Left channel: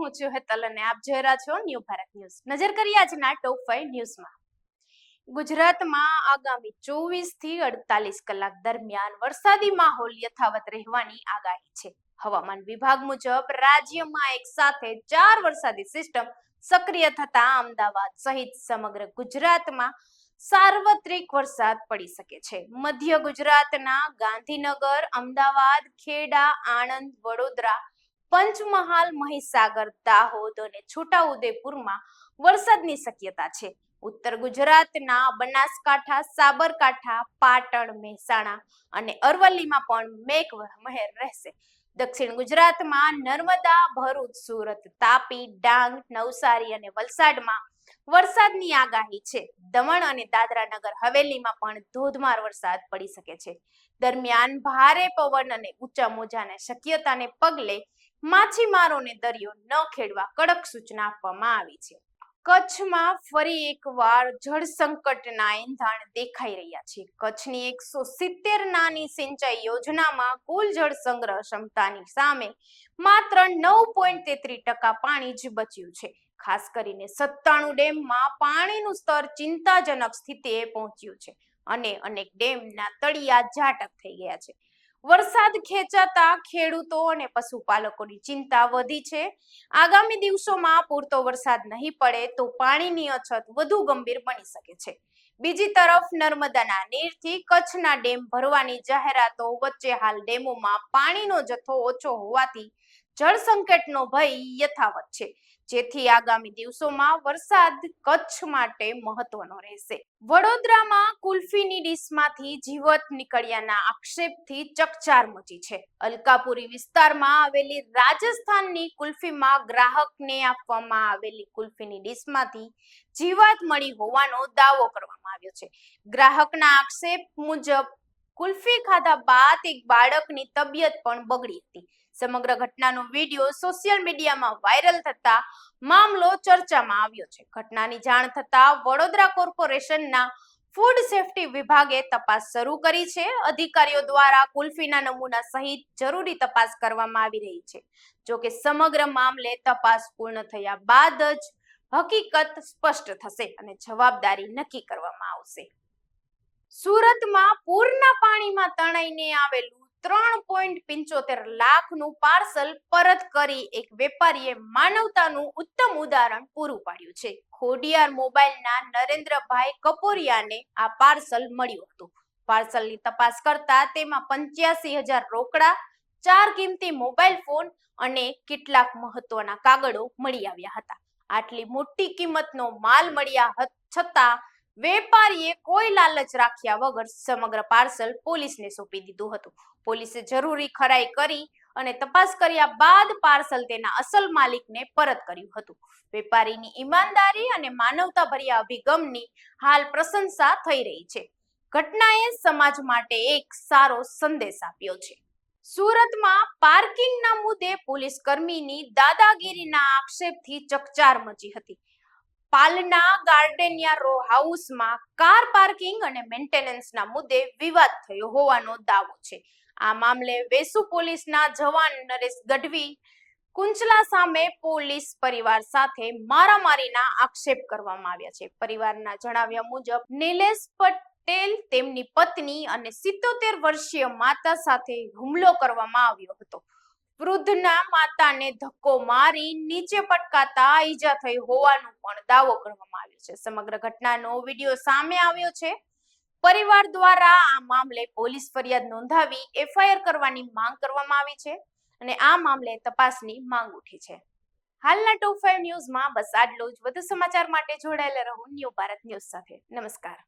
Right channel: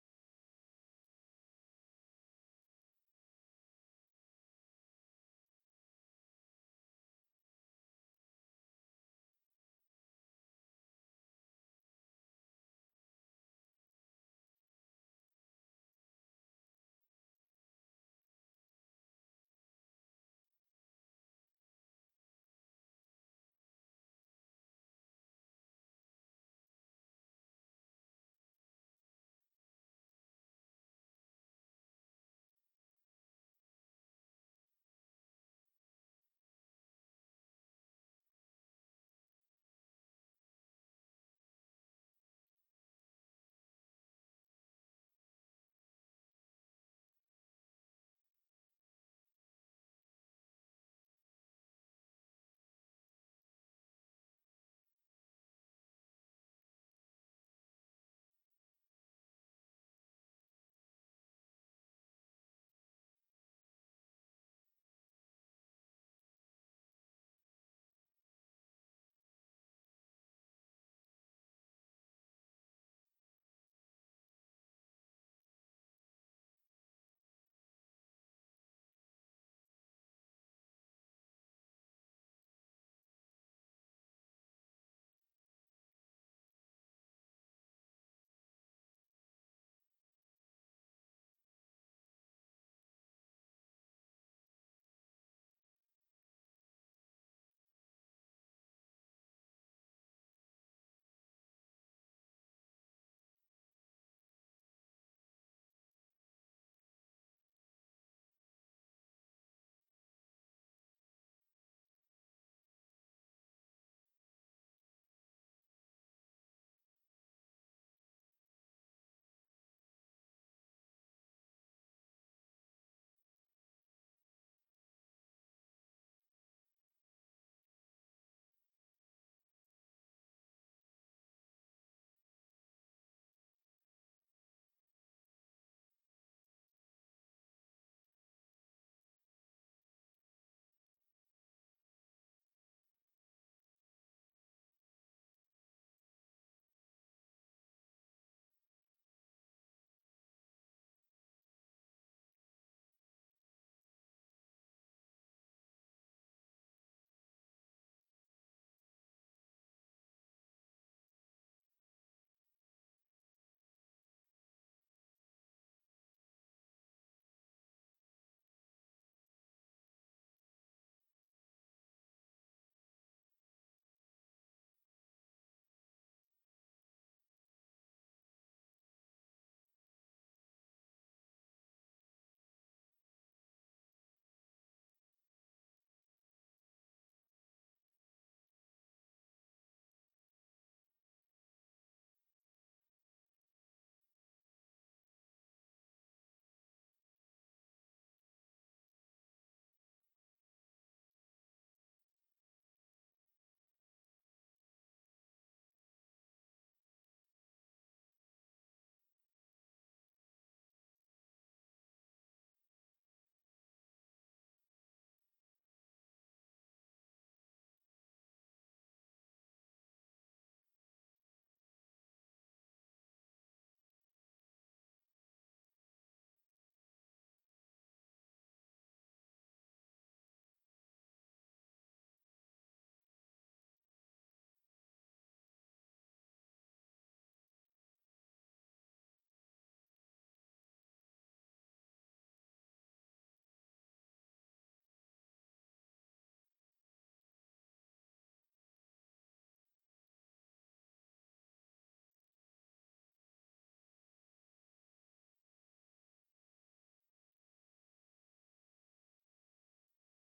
હું છું હેતલ અને આપ જોઈ રહ્યા છો ન્યૂ ભારત ન્યૂઝ. નજર કરીએ આજના ટોપ 5 ન્યૂઝમાં. ગુજરાતમાં આગામી 24 થી 48 કલાક દરમિયાન વરસાદી માહોલ યથાવત રહેવાની આગાહી છે. હવામાન વિભાગ મુજબ રાજ્યમાં એક સાથે 4 વરસાદી સિસ્ટમ સક્રિય થતા અમદાવાદ સહિત સમગ્ર ગુજરાતમાં સાર્વત્રિક વરસાદ પડી શકે છે. મધ્ય ગુજરાતના ગાંધીનગર, અમદાવાદ, ખેડા, આણંદ, વડોદરા, પંચમહાલ, મહીસાગર, દાહોદ અને છોટાઉદેપુરમાં વરસાદની શક્યતા છે. ઉત્તર ગુજરાતના બનાસકાંઠા, સાબરકાંઠા, પાટણ, મહેસાણા અને અરવલ્લીમાં પણ મેઘમહેર રહેશે. દક્ષિણ ગુજરાતમાં નર્મદા, ભરૂચ, સુરત, તાપી, ડાંગ, નવસારી અને વલસાડમાં વરસાદની આગાહી છે. દમણ અને દાદરા નગર હવેલીમાં પણ ધોધમાર વરસાદ પડી શકે છે. દરમિયાન ભારે પવન અને ઊંચા મોજાની શક્યતાને પગલે માછીમારોને દરિયો ન ખેડવા કડક સૂચના આપવામાં આવી છે. કચ્છમાં ફરી એકવાર જળ સંકટના એંધાણ દેખાઈ રહ્યા છે. કચ્છની 170 નાની સિંચાઈ યોજનામાં કુલ જળ સંગ્રહ ક્ષમતાની સામે માત્ર 9.33% પાણી જ બચ્યું છે. ખાસ કરીને 97 ડેમમાં પાણીનું સ્તર ચિંતાજનક સ્થિતિએ પહોંચ્યું છે અને અનેક ડેમના તળિયા ઝાટક થઈ ગયા છે. વરસાદ ખેંચાતા ખેડૂતો અને પશુપાલકોની ચિંતા વધી છે. આગામી દિવસોમાં પૂરતો વરસાદ નહીં પડે તો પાણીની અછત વધુ ગંભીર બની શકે છે. બીજી તરફ નર્મદાના નીરથી કચ્છના ડેમ ભરવાની જાહેરાતો વચ્ચે હાલ ડેમોમાં પાણીનો જથ્થો ઓછો હોવાથી જળ સંકટનો ભય યથાવત છે, જેથી આગામી દિવસોમાં વરસાદ કચ્છ માટે મહત્વનો રહેશે. વડોદરામાં કુલ્ફીની ડીશમાંથી જીવત નીકળ્યાના આક્ષેપથી ચકચાર મચી છે. અલકાપુરી વિસ્તારમાં આવેલી રાજસ્થાનની કુલ્ફીમાં ગ્રાહકને આપવામાં આવેલી કુલ્ફીની ડીશમાંથી જીવાત મળી હોવાનો દાવો કરવામાં આવ્યો છે. ગ્રાહકના આક્ષેપ મુજબ કુલ્ફી ખાધા બાદ એક બાળકની તબિયત પણ બગડી હતી. સમગ્ર ઘટનાનો વિડીયો સોશિયલ મીડિયામાં વાયરલ થતા મામલો ચર્ચામાં આવ્યો છે. ઘટનાની જાણ થતા વડોદરા કોર્પોરેશનના ફૂડ સેફ્ટી વિભાગે તપાસ શરૂ કરી છે. અધિકારીઓ દ્વારા કુલ્ફીના નમૂના સહિત જરૂરી તપાસ કરવામાં આવી રહી છે. જોકે સમગ્ર મામલે તપાસ પૂર્ણ થયા બાદ જ હકીકત સ્પષ્ટ થશે અને જવાબદારી નક્કી કરવામાં આવશે. સુરતમાં પૂરના પાણીમાં તણાઈને આવેલું 3.75 લાખનું પાર્સલ પરત કરી એક વેપારીએ માનવતાનું ઉત્તમ ઉદાહરણ પૂરું પાડ્યું છે. ખોડિયાર મોબાઈલના નરેન્દ્રભાઈ કપોરિયાને આ પાર્સલ મળ્યું હતું. પાર્સલની તપાસ કરતા તેમાં 85,000 રોકડા, 4 કિંમતી મોબાઈલ ફોન અને કેટલાક મહત્વના કાગળો મળી આવ્યા હતા. આટલી મોટી કિંમતનો માલ મળ્યા છતાં વેપારીએ કોઈ લાલચ રાખ્યા વગર સમગ્ર પાર્સલ પોલીસને સોંપી દીધું હતું. પોલીસે જરૂરી ખરાઈ કરી અને તપાસ કર્યા બાદ પાર્સલ તેના અસલ માલિકને પરત કર્યું હતું. વેપારીની ઈમાનદારી અને માનવતાભર્યા અભિગમની હાલ પ્રશંસા થઈ રહી છે. ઘટનાએ સમાજ માટે એક સારો સંદેશ આપ્યો છે. સુરતમાં પાર્કિંગના મુદ્દે પોલીસ કર્મીની દાદાગીરીના આક્ષેપથી ચકચાર મચી હતી. પાલના ગાર્ડેનિયા રો હાઉસમાં કાર પાર્કિંગ અને મેન્ટેનન્સના મુદ્દે વિવાદ થયો હોવાનો દાવો છે. આ મામલે વેસુ પોલીસના જવાન નરેશ ગઢવી કુંચલા સામે પોલીસ પરિવાર સાથે મારામારીના આક્ષેપ કરવામાં આવ્યા છે. પરિવારના જણાવ્યા મુજબ નિલેશ પટેલ, તેમની પત્ની અને 77 વર્ષીય માતા સાથે હુમલો કરવામાં આવ્યો હતો. વૃદ્ધના માતાને ધક્કો મારી નીચે પટકાતા ઈજા થઈ હોવાનો પણ દાવો કરવામાં આવ્યો છે. સમગ્ર ઘટનાનો વિડીયો સામે આવ્યો છે. પરિવાર દ્વારા આ મામલે પોલીસ ફરિયાદ નોંધાવી એફઆઈઆર કરવાની માંગ કરવામાં આવી છે અને આ મામલે તપાસની માંગ ઉઠી છે. હાલના ટોપ 5 ન્યૂઝમાં બસ આટલું જ. વધુ સમાચાર માટે જોડાયેલા રહો ન્યૂ ભારત ન્યૂઝ સાથે. નમસ્કાર.